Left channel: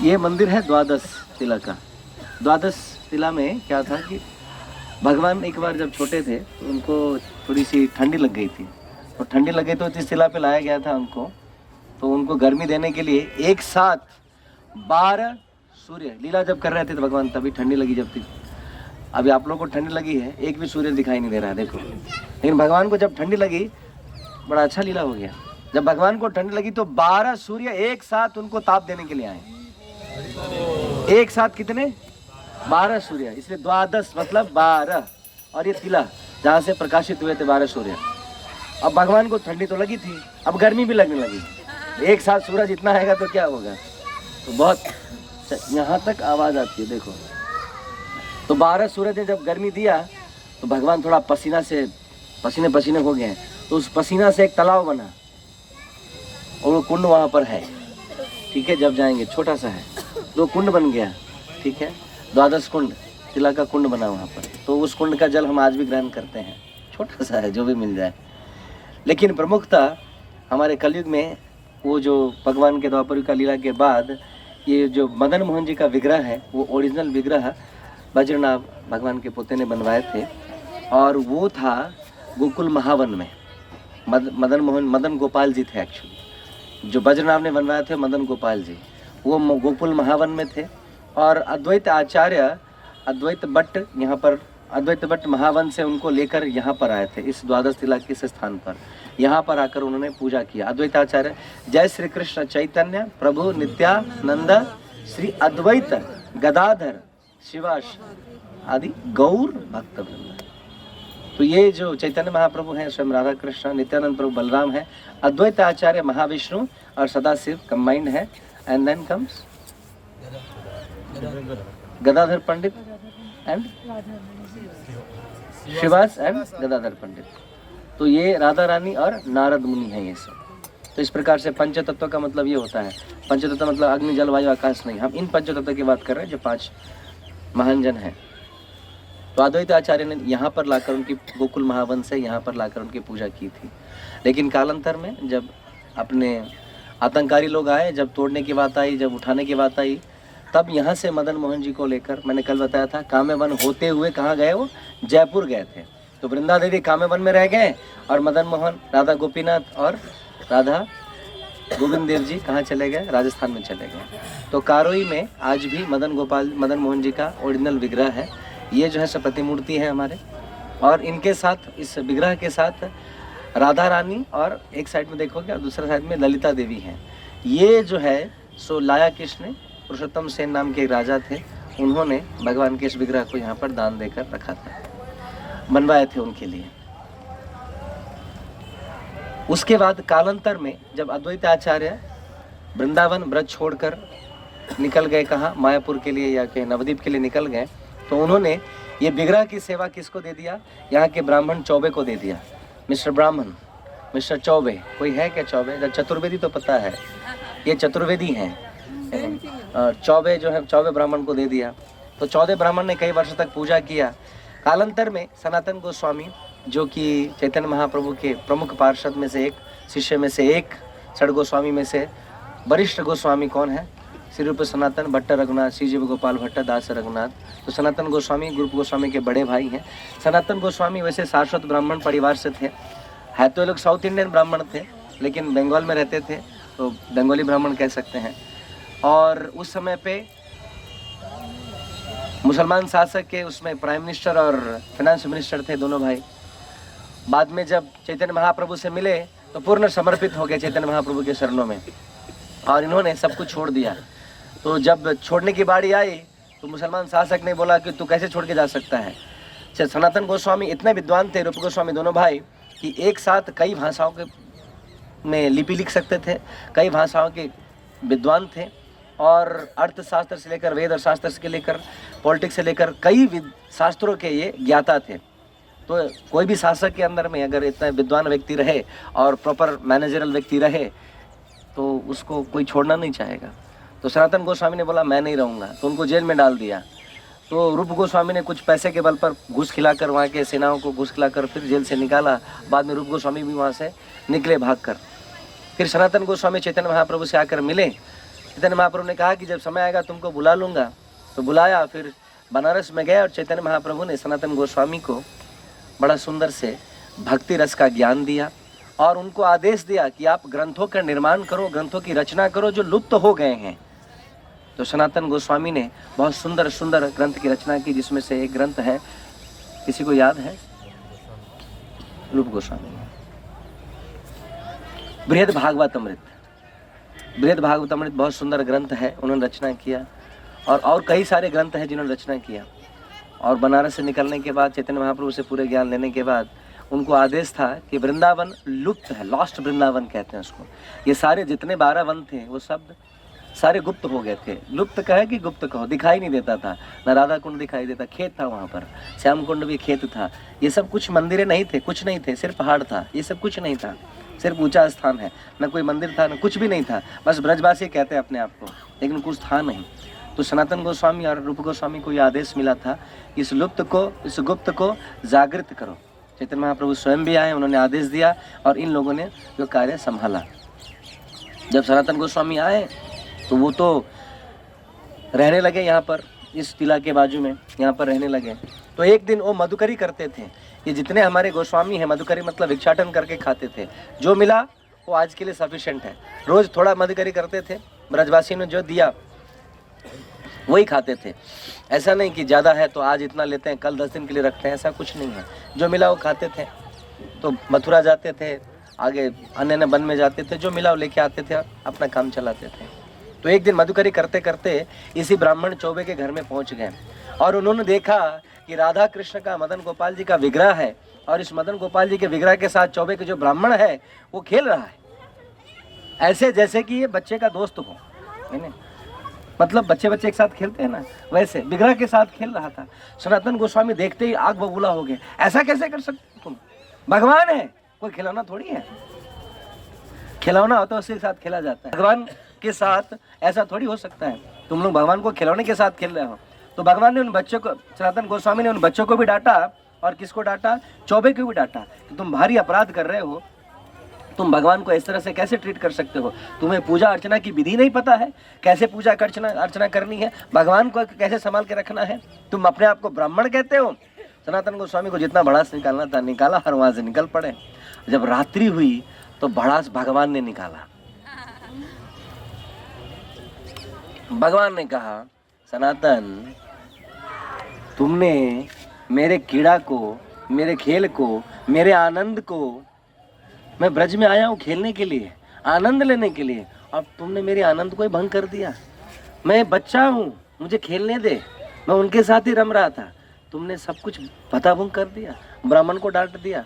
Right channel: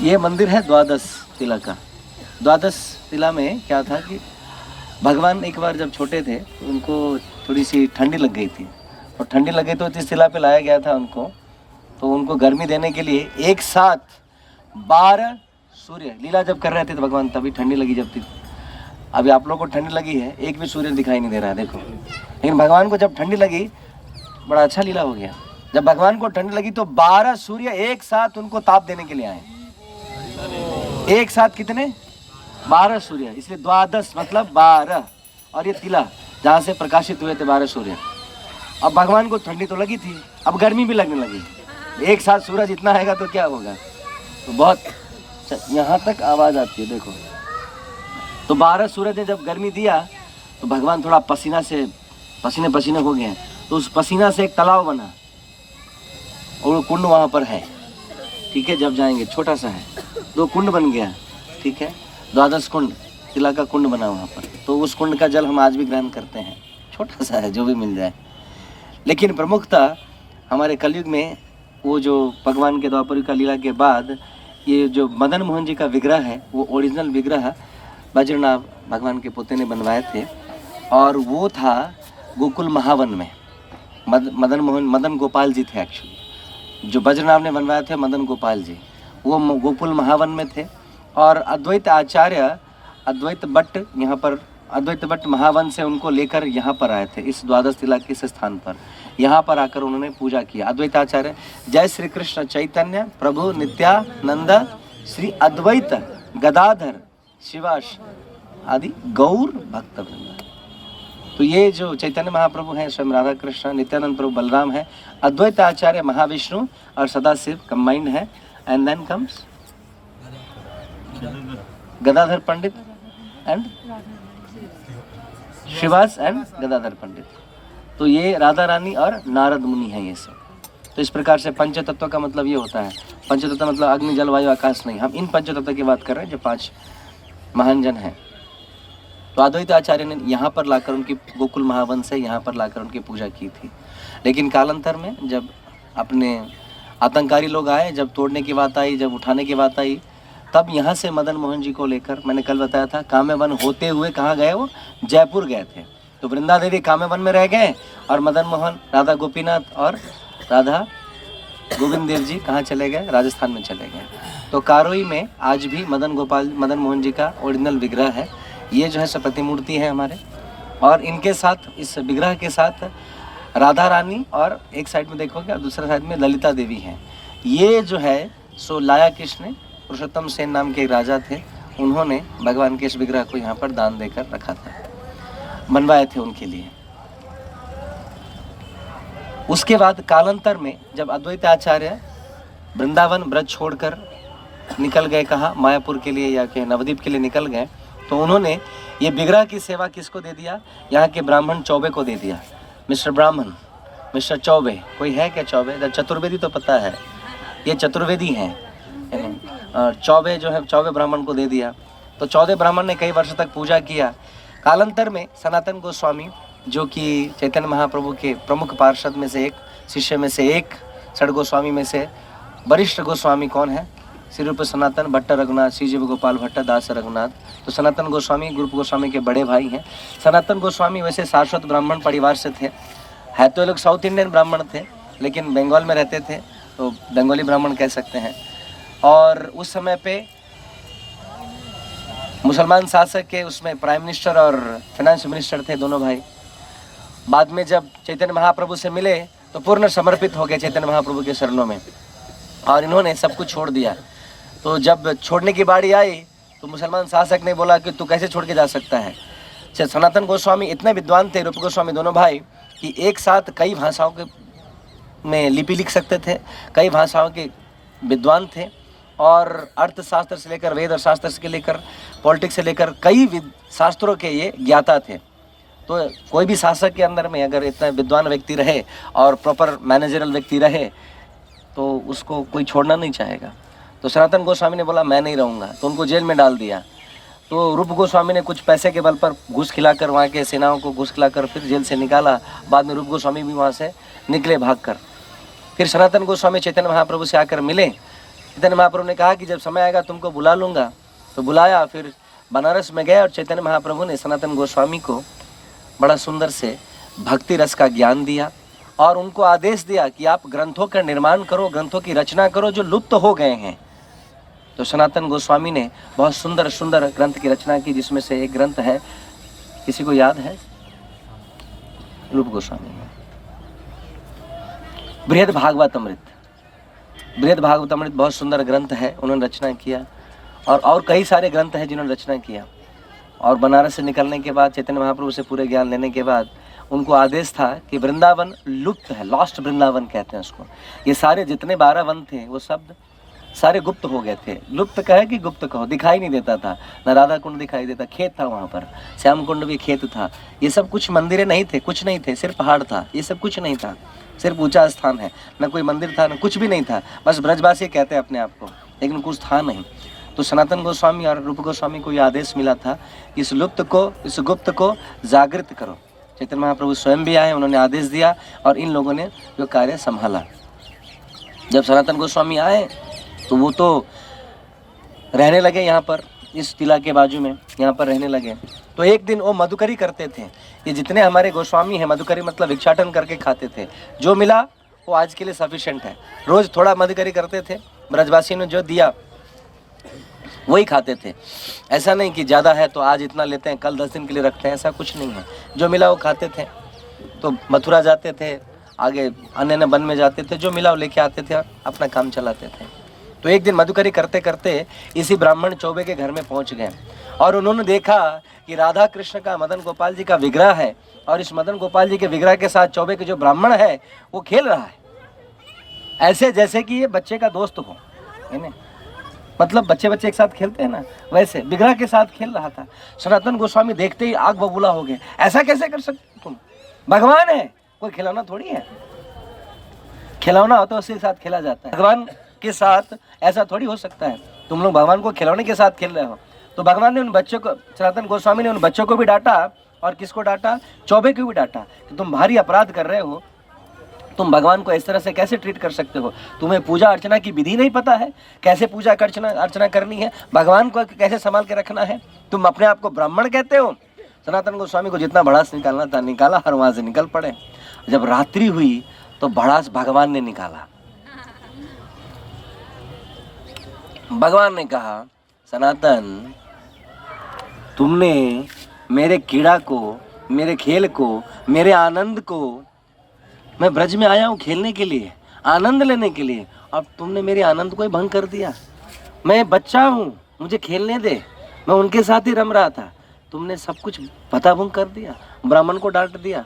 ये मंदिर है द्वादश तिला का। द्वादश तिला में क्या था कि भगवान एक बार जब छोटे थे तो उनको थोड़ी सी ठंडी लग गई थी, और ठंडी लग गई तो इस तिला पे लाया गया था उनको। तो उनको गर्मी देने के लिए एक साथ 12 सूर्य लीला जब कर रहे थे तो भगवान तभी ठंडी लगी जब थी। अभी आप लोगों को ठंडी लगी है, एक भी सूर्य दिखाई नहीं दे रहा है देखो, लेकिन भगवान को जब ठंडी लगी बड़ा अच्छा लीला हो गया। जब भगवान को ठंड लगी तो 12 सूर्य एक साथ उनको ताप देने के लिए आए। एक साथ कितने? 12 सूर्य, इसलिए द्वादश मतलब 12, और ये तिला जहाँ से प्रकाशित हुए थे 12 सूर्य। अब भगवान को ठंडी तो लगी थी, अब गर्मी भी लगने लगी। एक साथ सूरज इतना आएगा तो क्या होगा, तो बहुत यहाँ तक आवाज आती है देखो। तो 12 सूरज ने जब गर्मी दिया तो भगवान थोड़ा पसीना से पसीने पसीने हो गए, तो उस पसीना से एक तालाब बना और वो कुंड वहाँ पर है, ठीक है। जब जाएंगे छोटा सा है, तो कुंड बन गया, ठीक है। द्वादश कुंड तिला का कुंड बना वहाँ पर, तो उस कुंड का जल हम आज भी ग्रहण करते हैं। छोटा सा है, जो भी मिल जाए। लेकिन प्रमुखता हमारे कलयुग में वो जो भगवान के द्वापर युग का लीला के बाद ये जो मदन मोहन जी का विग्रह है, वो ओरिजिनल विग्रह वज्रनाभ भगवान के पोते ने बनवाए थे, और वो था गोकुल महावन में। मदन गोपाल जी थे एक्चुअली, जो वज्रनाभ ने बनवाए थे मदन गोपाल जी, वो गोकुल महावन में थे। और अद्वैत आचार्य अद्वैत भट्ट यहाँ पर, अद्वैत भट्ट महावन से उनको लेकर यहाँ पर आए थे, इस द्वादश तिला के इस स्थान पर। यहाँ पर आकर उन्होंने पूजा किया। अद्वैत आचार्य जय श्री कृष्ण चैतन्य प्रभु नित्यानंद श्री अद्वैत गदाधर शिवाश आदि गौर भक्त वृंद। तो ये जो चैतन्य महाप्रभु हैं स्वयं राधा कृष्ण, नित्यानंद प्रभु बलराम है, अद्वैत आचार्य महाविष्णु और सदाशिव कंबाइंड है। And then comes Gadadhar Pandit and Shivas and Gadadhar Pandit. तो ये राधा रानी और नारद मुनि है ये सब। तो इस प्रकार से पंच तत्व का मतलब ये होता है। पंच तत्व मतलब अग्नि जल वायु आकाश नहीं, हम इन पंच तत्व की बात कर रहे हैं जो 5 महान जन हैं। तो अद्वैत आचार्य ने यहाँ पर लाकर उनकी गोकुल महावन से यहाँ पर लाकर उनकी पूजा की थी। लेकिन कालांतर में जब अपने आतंककारी लोग आए, जब तोड़ने की बात आई, जब उठाने की बात आई, तब यहाँ से मदन मोहन जी को लेकर, मैंने कल बताया था, काम्यवन होते हुए कहाँ गए, वो जयपुर गए थे। तो वृंदा देवी काम्यवन में रह गए, और मदन मोहन, राधा गोपीनाथ और राधा गोविंद देव जी कहाँ चले गए, राजस्थान में चले गए। तो कारोई में आज भी मदन मोहन जी का ओरिजिनल विग्रह है। ये जो है सब प्रतिमूर्ति है हमारे, और इनके साथ, इस विग्रह के साथ राधा रानी, और एक साइड में देखोगे दूसरे साइड में ललिता देवी हैं। ये जो है सो लाया कृष्ण पुरुषोत्तम सेन नाम के राजा थे, उन्होंने भगवान के इस विग्रह को यहाँ पर दान देकर रखा था, बनवाए थे उनके लिए। उसके बाद कालांतर में जब अद्वैत आचार्य वृंदावन ब्रज छोड़कर निकल गए, कहाँ, मायापुर के लिए या के नवद्वीप के लिए निकल गए, तो उन्होंने ये विग्रह की सेवा किसको दे दिया, यहाँ के ब्राह्मण चौबे को दे दिया। मिस्टर ब्राह्मण, मिस्टर चौबे, कोई है क्या चौबे? चतुर्वेदी तो पता है, ये चतुर्वेदी हैं। चौबे जो है, चौबे ब्राह्मण को दे दिया। तो 14 ब्राह्मण ने कई वर्षों तक पूजा किया। कालांतर में सनातन गोस्वामी, जो कि चैतन्य महाप्रभु के प्रमुख पार्षद में से एक, शिष्य में से एक, षड गोस्वामी में से वरिष्ठ गोस्वामी कौन है? श्री रूप सनातन भट्ट रघुनाथ, श्री जीव गोपाल भट्ट दास रघुनाथ। तो सनातन गोस्वामी ग्रुप गोस्वामी के बड़े भाई हैं। सनातन गोस्वामी वैसे शाश्वत ब्राह्मण परिवार से थे, है तो ये लोग साउथ इंडियन ब्राह्मण थे, लेकिन बंगाल में रहते थे, तो बंगाली ब्राह्मण कह सकते हैं। और उस समय पे मुसलमान शासक के उसमें प्राइम मिनिस्टर और फाइनेंस मिनिस्टर थे दोनों भाई। बाद में जब चैतन्य महाप्रभु से मिले तो पूर्ण समर्पित हो गए चैतन्य महाप्रभु के शरणों में, और इन्होंने सब कुछ छोड़ दिया। तो जब छोड़ने की बारी आई तो मुसलमान शासक ने बोला कि तू कैसे छोड़ के जा सकता है। सनातन गोस्वामी इतने विद्वान थे, रूप गोस्वामी दोनों भाई, कि एक साथ कई भाषाओं के में लिपि लिख सकते थे, कई भाषाओं के विद्वान थे, और अर्थशास्त्र से लेकर वेद शास्त्र से लेकर पॉलिटिक्स से लेकर कई शास्त्रों के ये ज्ञाता थे। तो कोई भी शासक के अंदर में अगर इतना विद्वान व्यक्ति रहे और प्रॉपर मैनेजरल व्यक्ति रहे तो उसको कोई छोड़ना नहीं चाहेगा। तो सनातन गोस्वामी ने बोला मैं नहीं रहूँगा, तो उनको जेल में डाल दिया। तो रूप गोस्वामी ने कुछ पैसे के बल पर घूस खिलाकर, वहाँ के सेनाओं को घूस खिलाकर फिर जेल से निकाला। बाद में रूप गोस्वामी भी वहाँ से निकले भागकर। फिर सनातन गोस्वामी चैतन्य महाप्रभु से आकर मिले, चैतन्य महाप्रभु ने कहा कि जब समय आएगा तुमको बुला लूँगा। तो बुलाया, फिर बनारस में गए और चैतन्य महाप्रभु ने सनातन गोस्वामी को बड़ा सुंदर से भक्ति रस का ज्ञान दिया और उनको आदेश दिया कि आप ग्रंथों का निर्माण करो, ग्रंथों की रचना करो जो लुप्त हो गए हैं। तो सनातन गोस्वामी ने बहुत सुंदर सुंदर ग्रंथ की रचना की, जिसमें से एक ग्रंथ है, किसी को याद है? रूप गोस्वामी, बृहद भागवतामृत। बृहद भागवतामृत बहुत सुंदर ग्रंथ है, उन्होंने रचना किया। और कई सारे ग्रंथ हैं जिन्होंने रचना किया। और बनारस से निकलने के बाद, चैतन्य महाप्रभु से पूरे ज्ञान लेने के बाद, उनको आदेश था कि वृंदावन लुप्त है, लॉस्ट वृंदावन कहते हैं उसको। ये सारे जितने 12 वन थे वो सब सारे गुप्त हो गए थे। लुप्त कहे कि गुप्त कहो, दिखाई नहीं देता था। न राधा कुंड दिखाई देता, खेत था वहाँ पर, श्याम कुंड भी खेत था। ये सब कुछ मंदिरें नहीं थे, कुछ नहीं थे, सिर्फ पहाड़ था। ये सब कुछ नहीं था, सिर्फ ऊंचा स्थान है, न कोई मंदिर था, न कुछ भी नहीं था। बस ब्रजवासी कहते हैं अपने आप को, लेकिन कुछ था नहीं। तो सनातन गोस्वामी और रूप गोस्वामी को ये आदेश मिला था, इस लुप्त को, इस गुप्त को जागृत करो। चैतन्य महाप्रभु स्वयं भी आए, उन्होंने आदेश दिया और इन लोगों ने जो कार्य संभाला। जब सनातन गोस्वामी आए तो वो तो रहने लगे यहाँ पर, इस टीला के बाजू में, यहाँ पर रहने लगे। तो एक दिन वो मधुकरी करते थे। ये जितने हमारे गोस्वामी हैं, मधुकरी मतलब भिक्षाटन करके खाते थे। जो मिला वो आज के लिए सफिशिएंट है। रोज़ थोड़ा मधुकरी करते थे, ब्रजवासी ने जो दिया वही खाते थे। ऐसा नहीं कि ज़्यादा है तो आज इतना लेते हैं, कल 10 दिन के लिए रखते हैं, ऐसा कुछ नहीं है। जो मिला वो खाते थे। तो मथुरा जाते थे, आगे अन्य वन में जाते थे, जो मिला वो लेके आते थे और अपना काम चलाते थे। तो एक दिन मधुकरी करते करते इसी ब्राह्मण चौबे के घर में पहुंच गए और उन्होंने देखा कि राधा कृष्ण का, मदन गोपाल जी का विग्रह है और इस मदन गोपाल जी के विग्रह के साथ चौबे के जो ब्राह्मण है वो खेल रहा है, ऐसे जैसे कि ये बच्चे का दोस्त हो। मतलब बच्चे एक साथ खेलते हैं ना, वैसे विग्रह के साथ खेल रहा था। सनातन गोस्वामी देखते ही आग बबूला हो गए। ऐसा कैसे कर सकते तुम? भगवान है, कोई खिलौना थोड़ी है। खिलौना हो तो उसके साथ खेला जाता है, भगवान के साथ ऐसा थोड़ी हो सकता है। तुम लोग भगवान को खिलौने के साथ खेल रहे हो। तो भगवान ने उन बच्चों को, सनातन गोस्वामी ने उन बच्चों को भी डांटा और किसको डांटा? चौबे को भी डांटा कि तुम भारी अपराध कर रहे हो, तुम भगवान को इस तरह से कैसे ट्रीट कर सकते हो? तुम्हें पूजा अर्चना की विधि नहीं पता है, कैसे पूजा अर्चना करनी है, भगवान को कैसे संभाल के रखना है? तुम अपने आप को ब्राह्मण कहते हो। सनातन गोस्वामी को जितना भड़ास निकालना था निकाला और वहाँ से निकल पड़े। जब रात्रि हुई तो भड़ास भगवान ने निकाला। भगवान ने कहा, सनातन तुमने मेरे कीड़ा को, मेरे खेल को, मेरे आनंद को, मैं ब्रज में आया हूँ खेलने के लिए, आनंद लेने के लिए, अब तुमने मेरे आनंद को ही भंग कर दिया। मैं बच्चा हूँ, मुझे खेलने दे, मैं उनके साथ ही रम रहा था, तुमने सब कुछ पता भंग कर दिया। ब्राह्मण को डांट दिया,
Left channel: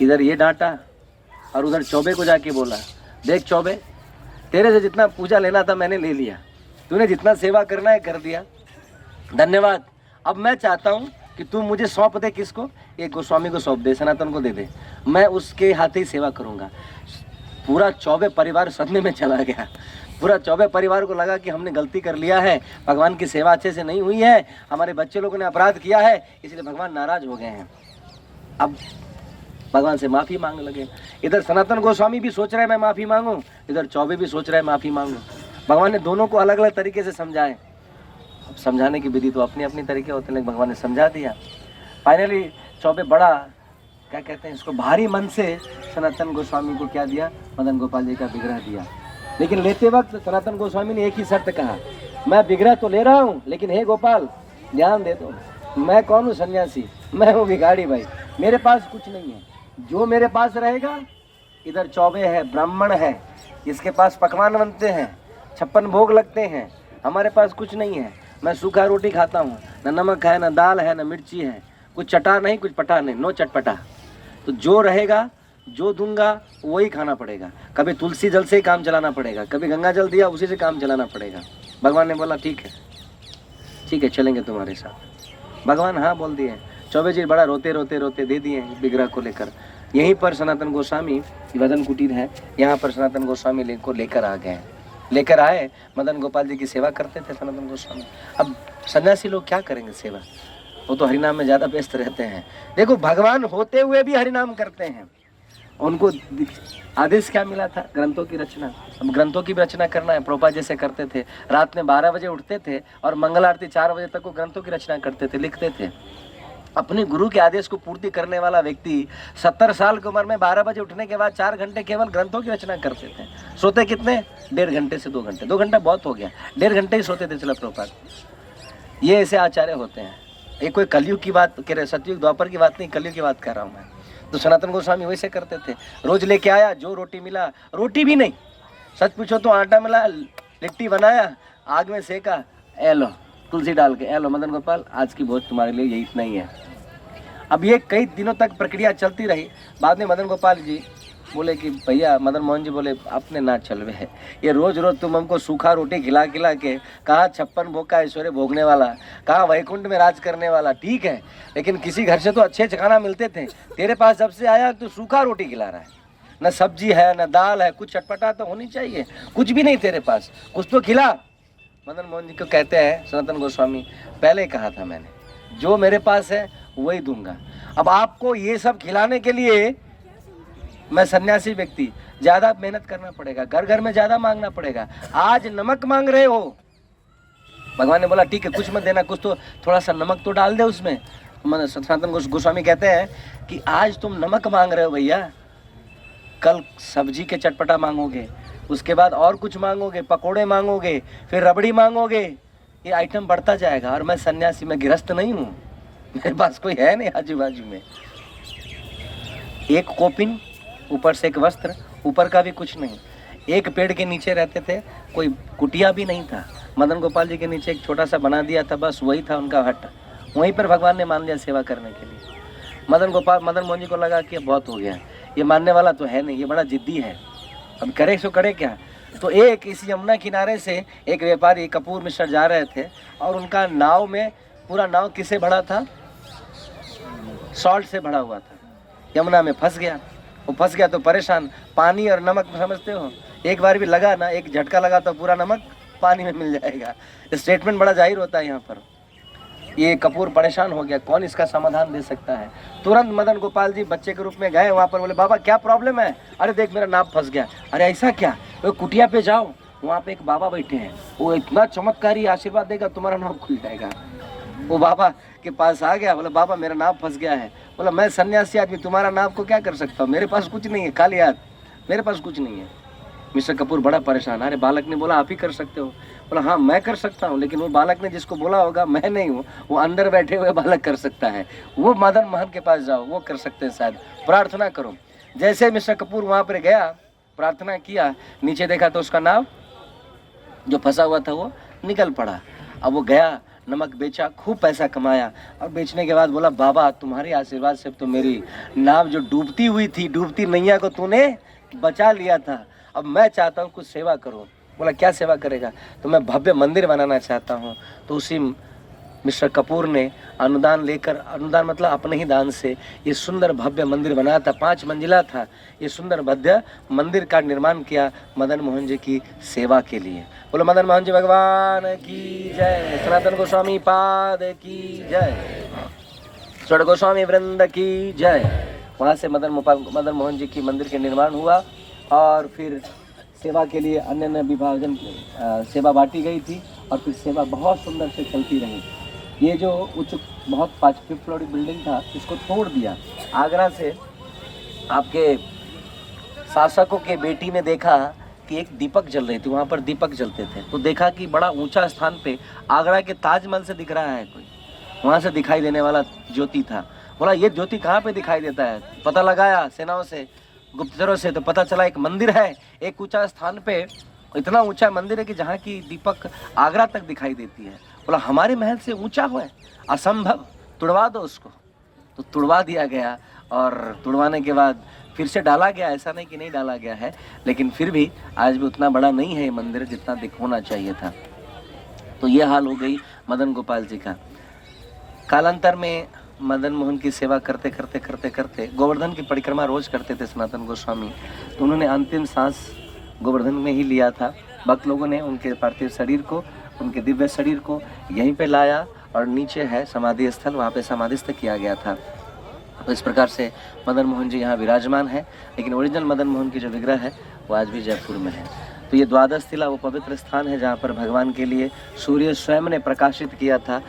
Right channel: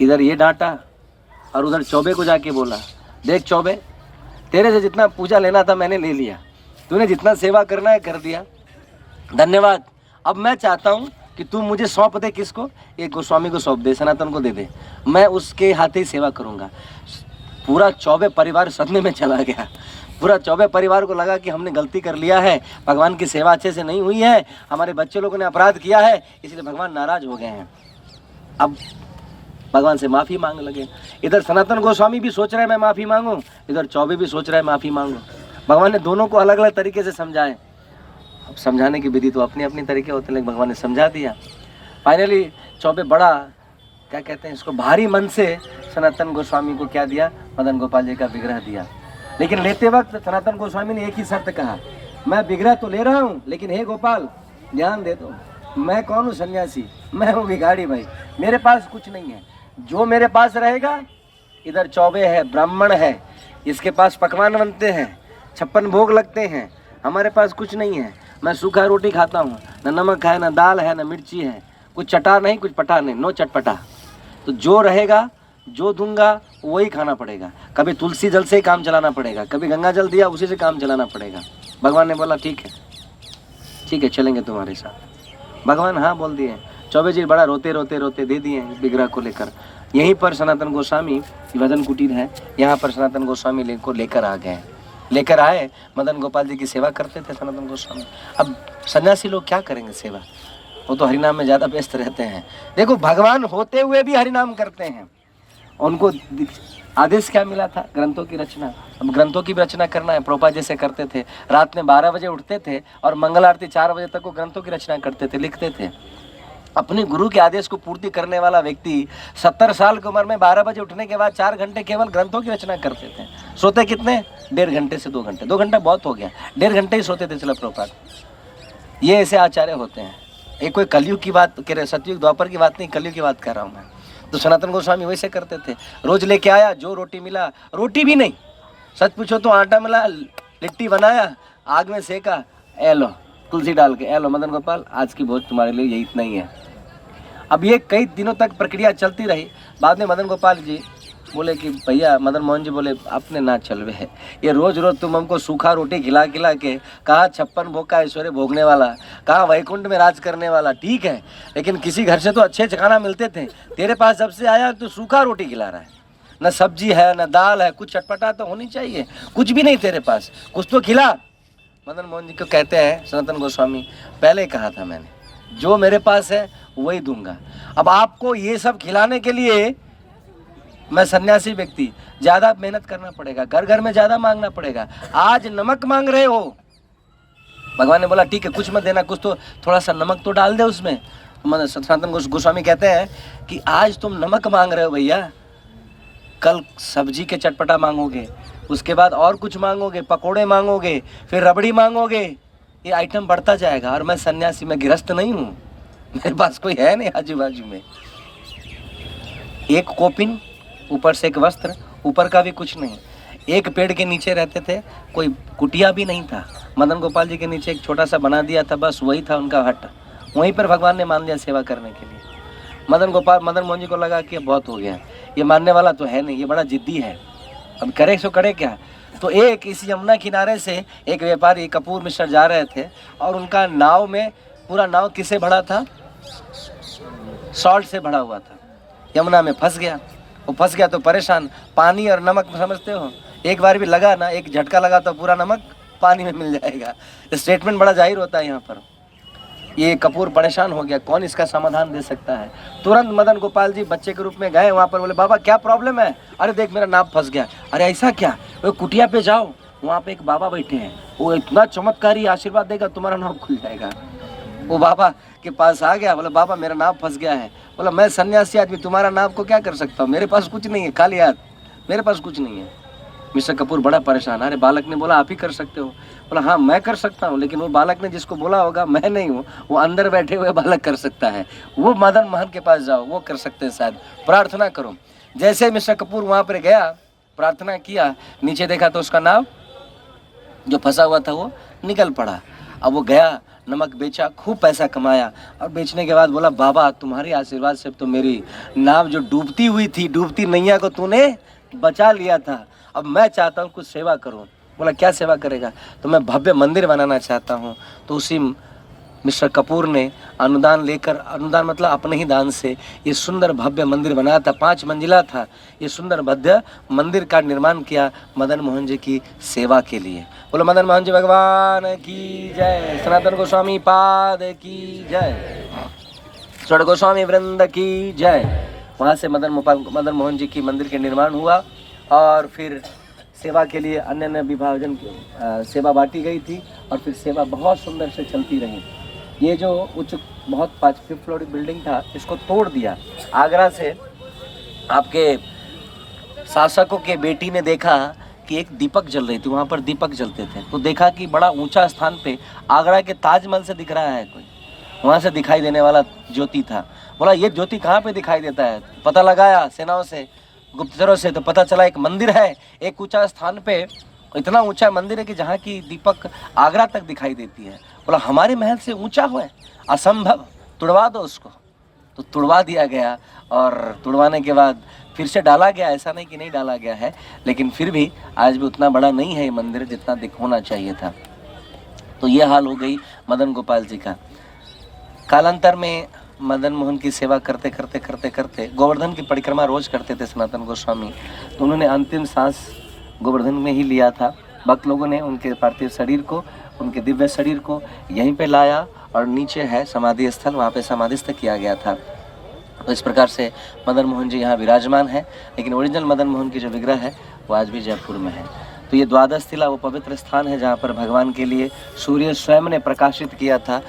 इधर ये डांटा और उधर चौबे को जाके बोला, देख चौबे, तेरे से जितना पूजा लेना था मैंने ले लिया, तूने जितना सेवा करना है कर दिया, धन्यवाद। अब मैं चाहता हूँ कि तू मुझे सौंप दे, किसको? एक गोस्वामी को सौंप दे, सनातन को दे दे, मैं उसके हाथ ही सेवा करूँगा। पूरा चौबे परिवार सदमे में चला गया। पूरा चौबे परिवार को लगा कि हमने गलती कर लिया है, भगवान की सेवा अच्छे से नहीं हुई है, हमारे बच्चे लोगों ने अपराध किया है, इसलिए भगवान नाराज हो गए हैं। अब भगवान से माफ़ी मांग लगे। इधर सनातन गोस्वामी भी सोच रहे हैं मैं माफ़ी मांगूं, इधर चौबे भी सोच रहे हैं माफ़ी मांगूं। भगवान ने दोनों को अलग अलग तरीके से समझाए। अब समझाने की विधि तो अपने अपने तरीके होते, लेकिन भगवान ने समझा दिया। फाइनली चौबे बड़ा, क्या कहते हैं इसको, भारी मन से सनातन गोस्वामी को क्या दिया? मदन गोपाल जी का विग्रह दिया। लेकिन लेते वक्त सनातन गोस्वामी ने एक ही शर्त कहा, मैं विग्रह तो ले रहा हूँ, लेकिन हे गोपाल ध्यान दे दो, मैं कौन हूँ? सन्यासी, मैं हूँ भिखारी भाई, मेरे पास कुछ नहीं है। जो मेरे पास रहेगा, इधर चौबे है, ब्राह्मण है, इसके पास पकवान बनते हैं, 56 भोग लगते हैं, हमारे पास कुछ नहीं है। मैं सूखा रोटी खाता हूँ, न नमक है, न दाल है, न मिर्ची है, कुछ चटा नहीं, कुछ पटा नहीं, नो चटपटा। तो जो रहेगा, जो दूंगा वही खाना पड़ेगा। कभी तुलसी जल से ही काम चलाना पड़ेगा, कभी गंगा जल दिया उसी से काम चलाना पड़ेगा। भगवान ने बोला ठीक है चलेंगे तुम्हारे साथ। भगवान हाँ बोल दिए। चौबे जी बड़ा रोते रोते दे दिए विग्रह को लेकर। यहीं पर सनातन गोस्वामी वदन कुटीर है, यहाँ पर सनातन गोस्वामी को लेकर आ गए, लेकर आए। मदन गोपाल जी की सेवा करते थे सनातन गोस्वामी। अब सन्यासी लोग क्या करेंगे सेवा, वो तो हरिनाम में ज़्यादा व्यस्त रहते हैं। देखो भगवान होते हुए भी हरिनाम करते हैं, उनको आदेश क्या मिला था? ग्रंथों की रचना। अब ग्रंथों की भी रचना करना है। प्रभुपाद जैसे करते थे, रात में 12 बजे उठते थे और मंगल आरती 4 बजे तक वो ग्रंथों की रचना करते थे, लिखते थे। अपने गुरु के आदेश को पूर्ति करने वाला व्यक्ति 70 साल की उम्र में 12 बजे उठने के बाद 4 घंटे केवल ग्रंथों की रचना करते थे। सोते कितने? 1.5 घंटे से 2 घंटे। 2 घंटा बहुत हो गया, 1.5 घंटे ही सोते थे चलो प्रभुपाद। ये ऐसे आचार्य होते हैं। ये कोई कलयुग की बात कह रहे, सतयुग द्वापर की बात नहीं, कलयुग की बात कर रहा हूँ मैं। तो सनातन गोस्वामी वैसे करते थे। रोज लेके आया, जो रोटी मिला, रोटी भी नहीं, सच पूछो तो आटा मिला, लिट्टी बनाया, आग में सेका, ए लो तुलसी डाल के, ए लो मदन गोपाल आज की भोज तुम्हारे लिए ये इतना ही है। अब ये कई दिनों तक प्रक्रिया चलती रही। बाद में मदन गोपाल जी बोले कि भैया, मदन मोहन जी बोले आपने ना चलवे है, ये रोज रोज तुम हमको सूखा रोटी खिला खिला के, कहाँ 56 भोग का ऐश्वर्य भोगने वाला, कहाँ वैकुंठ में राज करने वाला, ठीक है, लेकिन किसी घर से तो अच्छे खाना मिलते थे। तेरे पास जब से आया तो सूखा रोटी खिला रहा है, न सब्जी है न दाल है, कुछ चटपटा तो होनी चाहिए, कुछ भी नहीं तेरे पास, कुछ तो खिला। मदन मोहन जी को कहते हैं सनातन गोस्वामी, पहले कहा था मैंने, जो मेरे पास है वही दूंगा। अब आपको ये सब खिलाने के लिए मैं सन्यासी व्यक्ति, ज़्यादा मेहनत करना पड़ेगा, घर घर में ज़्यादा मांगना पड़ेगा। आज नमक मांग रहे हो, भगवान ने बोला ठीक है कुछ मत देना, कुछ तो थोड़ा सा नमक तो डाल दे उसमें। सनातन गोस्वामी कहते हैं कि आज तुम नमक मांग रहे हो भैया, कल सब्जी के चटपटा मांगोगे, उसके बाद और कुछ मांगोगे, पकोड़े मांगोगे, फिर रबड़ी मांगोगे, ये आइटम बढ़ता जाएगा। और मैं सन्यासी, मैं गृहस्थ नहीं हूँ, मेरे पास कोई है नहीं आजू बाजू में। एक कोपिन, ऊपर से एक वस्त्र, ऊपर का भी कुछ नहीं। एक पेड़ के नीचे रहते थे, कोई कुटिया भी नहीं था। मदन गोपाल जी के नीचे एक छोटा सा बना दिया था, बस वही था उनका हट। वहीं पर भगवान ने मान लिया सेवा करने के लिए। मदन मोहन जी को लगा कि अब बहुत हो गया, ये मानने वाला तो है नहीं, ये बड़ा जिद्दी है, अब करे सो करे क्या। तो एक इस यमुना किनारे से एक व्यापारी कपूर मिश्र जा रहे थे और उनका नाव में, पूरा नाव किससे भरा था? सॉल्ट से भरा हुआ था। यमुना में फंस गया, वो फंस गया तो परेशान। पानी और नमक समझते हो, एक बार भी लगा ना, एक झटका लगा तो पूरा नमक पानी में मिल जाएगा। स्टेटमेंट बड़ा जाहिर होता है यहाँ पर। ये कपूर परेशान हो गया, कौन इसका समाधान दे सकता है। तुरंत मदन गोपाल जी बच्चे के रूप में गए वहाँ पर, बोले बाबा क्या प्रॉब्लम है? अरे देख मेरा नाव फंस गया। अरे ऐसा क्या? वो कुटिया पे जाओ, वहाँ पे एक बाबा बैठे हैं, वो इतना चमत्कारी आशीर्वाद देगा, तुम्हारा नाव खुल जाएगा। वो बाबा के पास आ गया, बोला बाबा मेरा नाव फंस गया है। बोला मैं सन्यासी आदमी, तुम्हारा नाव को क्या कर सकता हूँ, मेरे पास कुछ नहीं है, खाली हाथ, मेरे पास कुछ नहीं है। मिस्टर कपूर बड़ा परेशान। अरे बालक ने बोला आप ही कर सकते हो। बोला हाँ मैं कर सकता हूँ, लेकिन वो बालक ने जिसको बोला होगा मैं नहीं हूँ, वो अंदर बैठे हुए बालक कर सकता है, वो मदन मोहन के पास जाओ, वो कर सकते हैं शायद, प्रार्थना करो। जैसे मिस्टर कपूर वहाँ पर गया, प्रार्थना किया, नीचे देखा तो उसका नाव जो फंसा हुआ था वो निकल पड़ा। अब वो गया, नमक बेचा, खूब पैसा कमाया, और बेचने के बाद बोला बाबा तुम्हारे आशीर्वाद से तो मेरी नाव जो डूबती हुई थी, डूबती नैया को तूने बचा लिया था, अब मैं चाहता हूँ कुछ सेवा करूँ। बोला क्या सेवा करेगा? तो मैं भव्य मंदिर बनाना चाहता हूँ। तो उसी मिस्टर कपूर ने अनुदान लेकर, अनुदान मतलब अपने ही दान से, ये सुंदर भव्य मंदिर बनाया था, 5 मंजिला था। ये सुंदर भव्य मंदिर का निर्माण किया मदन मोहन जी की सेवा के लिए। बोलो मदन मोहन जी भगवान की जय, सनातन गोस्वामी पाद की जय, स्वर्ण गोस्वामी वृंद की जय। वहाँ से मदन मोहन जी की मंदिर के निर्माण हुआ, और फिर सेवा के लिए अन्य अन्य विभाजन सेवा बांटी गई थी, और फिर सेवा बहुत सुंदर से चलती रही। ये जो उच्च बहुत 5th फ्लोर बिल्डिंग था, इसको तोड़ दिया। आगरा से आपके शासकों के बेटी ने देखा कि एक दीपक जल रही थी, वहाँ पर दीपक जलते थे, तो देखा कि बड़ा ऊंचा स्थान पे आगरा के ताजमहल से दिख रहा है कोई, वहाँ से दिखाई देने वाला ज्योति था। बोला ये ज्योति कहाँ पे दिखाई देता है? पता लगाया सेनाओं से, गुप्तचरों से, तो पता चला एक मंदिर है, एक ऊंचा स्थान पे, इतना ऊंचा मंदिर है कि जहाँ की दीपक आगरा तक दिखाई देती है। बोला हमारे महल से ऊंचा हुआ है, असंभव, तुड़वा दो उसको। तो तुड़वा दिया गया, और तुड़वाने के बाद फिर से डाला गया, ऐसा नहीं कि नहीं डाला गया है, लेकिन फिर भी आज भी उतना बड़ा नहीं है ये मंदिर जितना होना चाहिए था। तो ये हाल हो गई मदन गोपाल जी का। कालांतर में मदन मोहन की सेवा करते करते करते करते गोवर्धन की परिक्रमा रोज करते थे सनातन गोस्वामी, तो उन्होंने अंतिम सांस गोवर्धन में ही लिया था। भक्त लोगों ने उनके पार्थिव शरीर को, उनके दिव्य शरीर को यहीं पे लाया, और नीचे है समाधि स्थल, वहाँ पे समाधिस्थ किया गया था। तो इस प्रकार से मदन मोहन जी यहाँ विराजमान है, लेकिन ओरिजिनल मदन मोहन की जो विग्रह है वो आज भी जयपुर में है। तो ये द्वादश तिला वो पवित्र स्थान है जहाँ पर भगवान के लिए सूर्य स्वयं ने प्रकाशित किया था